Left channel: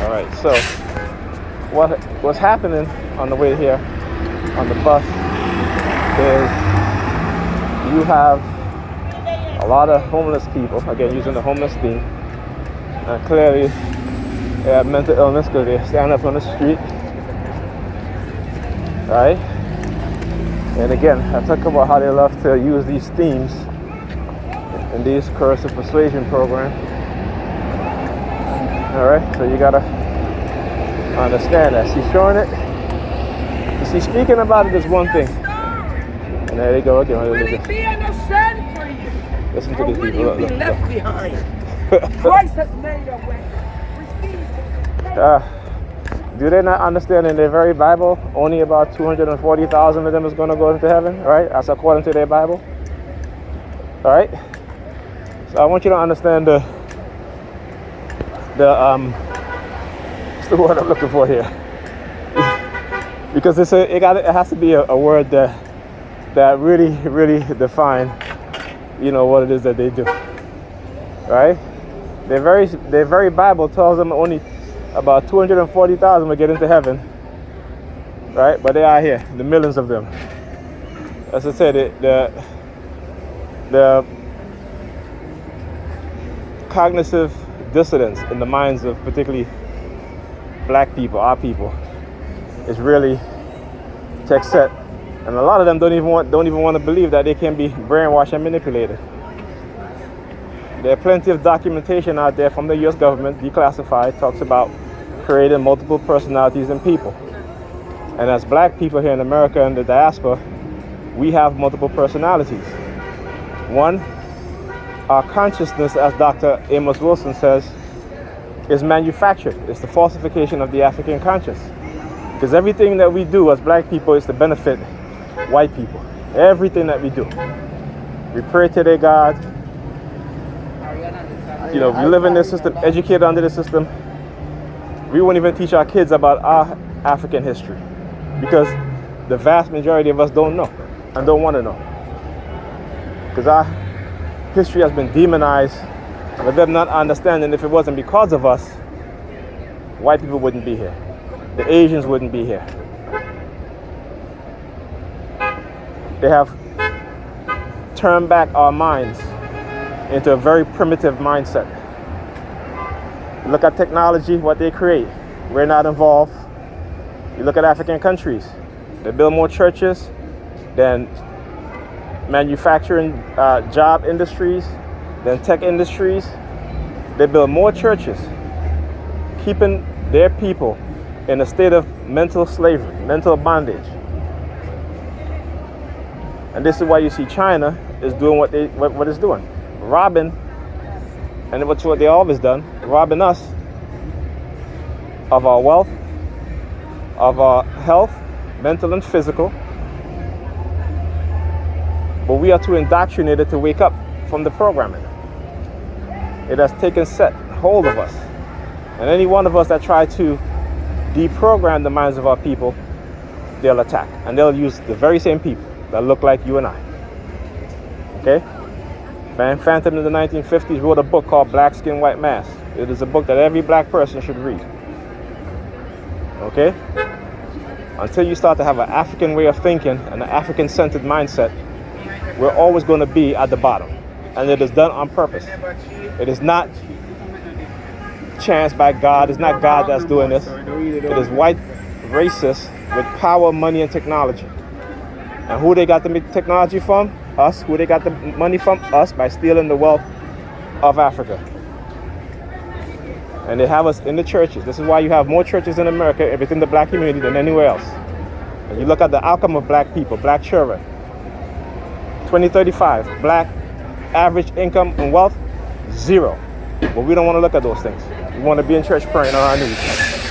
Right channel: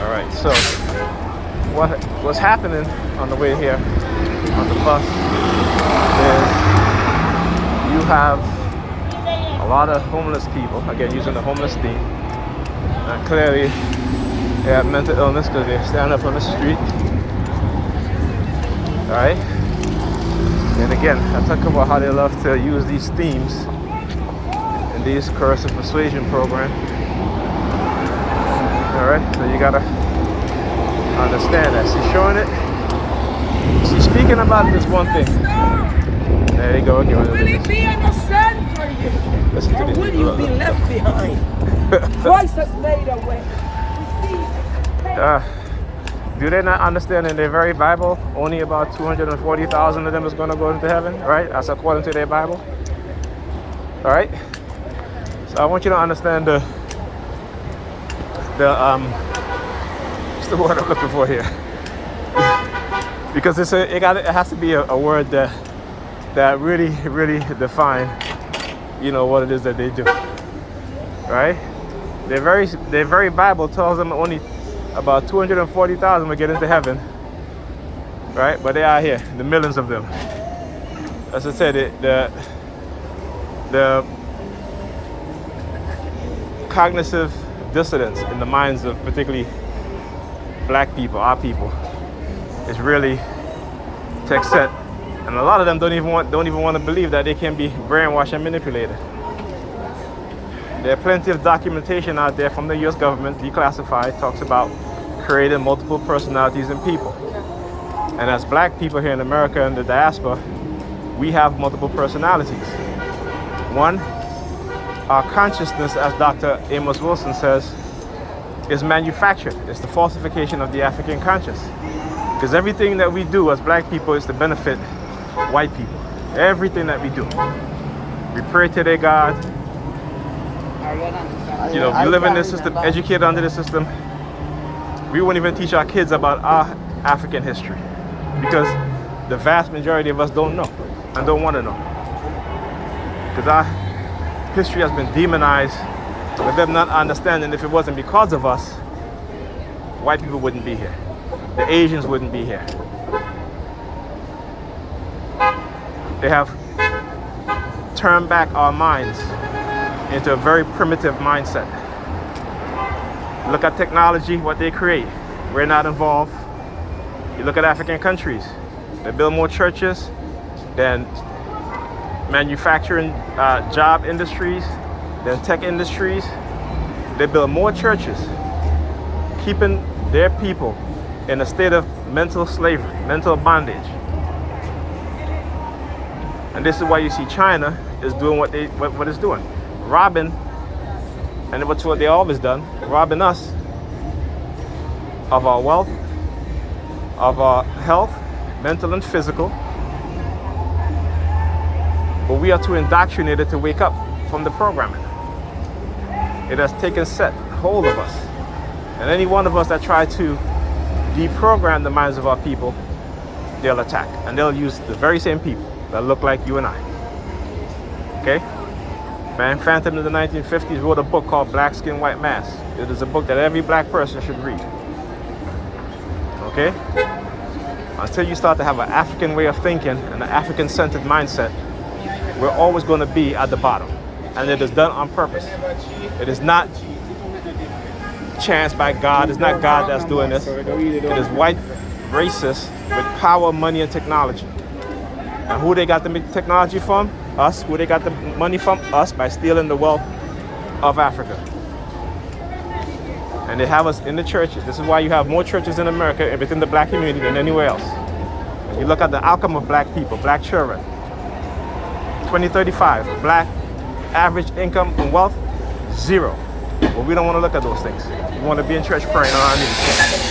All right, so what's happening on the way here on the bus is you have a lot of homeless people, again using the homeless theme, and clearly they have mental illness because they stand up on the street, right? And again, I talk about how they love to use these themes in these coercive persuasion program. All right, so you gotta understand that. She's showing it. She's speaking about it is one thing. And there you go again. Will it be understood for you? Listen to or these will people. you be left behind? Christ has made a way. Do they not understand in their very Bible, only about 240,000 of them is going to go into heaven, right? That's according to their Bible. All right? So I want you to understand what's the word I'm looking for here? Because it has to be a word that really define, what it is that they do, right? Their very Bible tells them only about 240,000 will get into heaven, right? But they are here, the millions of them. As I said, the cognitive dissonance in the minds of particularly black people, our people, is really text set, and a lot of them don't even want to believe that they can be brainwashed and manipulated. There are plenty of documentation out there from the U.S. government, declassified, talks about creating multiple personalities in people. And as black people here in America and the diaspora, we have multiple personalities. One, our consciousness, as Dr. Amos Wilson says, is manufactured. It's the falsification of the African conscious. Because everything that we do as black people is to benefit white people. Everything that we do. We pray to their God. We live in this system, educated under the system. We won't even teach our kids about our African history because the vast majority of us don't know and don't want to know. Because our history has been demonized with them not understanding if it wasn't because of us, white people wouldn't be here. The Asians wouldn't be here. They have turned back our minds into a very primitive mindset. Look at technology, what they create. We're not involved. You look at African countries. They build more churches than manufacturing job industries, than tech industries. They build more churches, keeping their people in a state of mental slavery, mental bondage. And this is why you see China is doing what it's doing. Robbing, and what's what they always done, robbing us of our wealth, of our health, mental and physical. But we are too indoctrinated to wake up from the programming. It has taken hold of us. And any one of us that try to deprogram the minds of our people, they'll attack. And they'll use the very same people that look like you and I. Okay? Van Phantom in the 1950s wrote a book called Black Skin, White Mask. It is a book that every black person should read. Okay? Until you start to have an African way of thinking and an African-centered mindset, we're always going to be at the bottom. And it is done on purpose. It is not chance by God. It's not God that's doing this. It is white racists with power, money, and technology. And who they got the technology from? Us. Who they got the money from? Us, by stealing the wealth of Africa. And they have us in the churches. This is why you have more churches in America within the black community than anywhere else. And you look at the outcome of black people, black children. 2035, black average income and wealth, 0. But we don't want to look at those things. We want to be in church praying on our knees.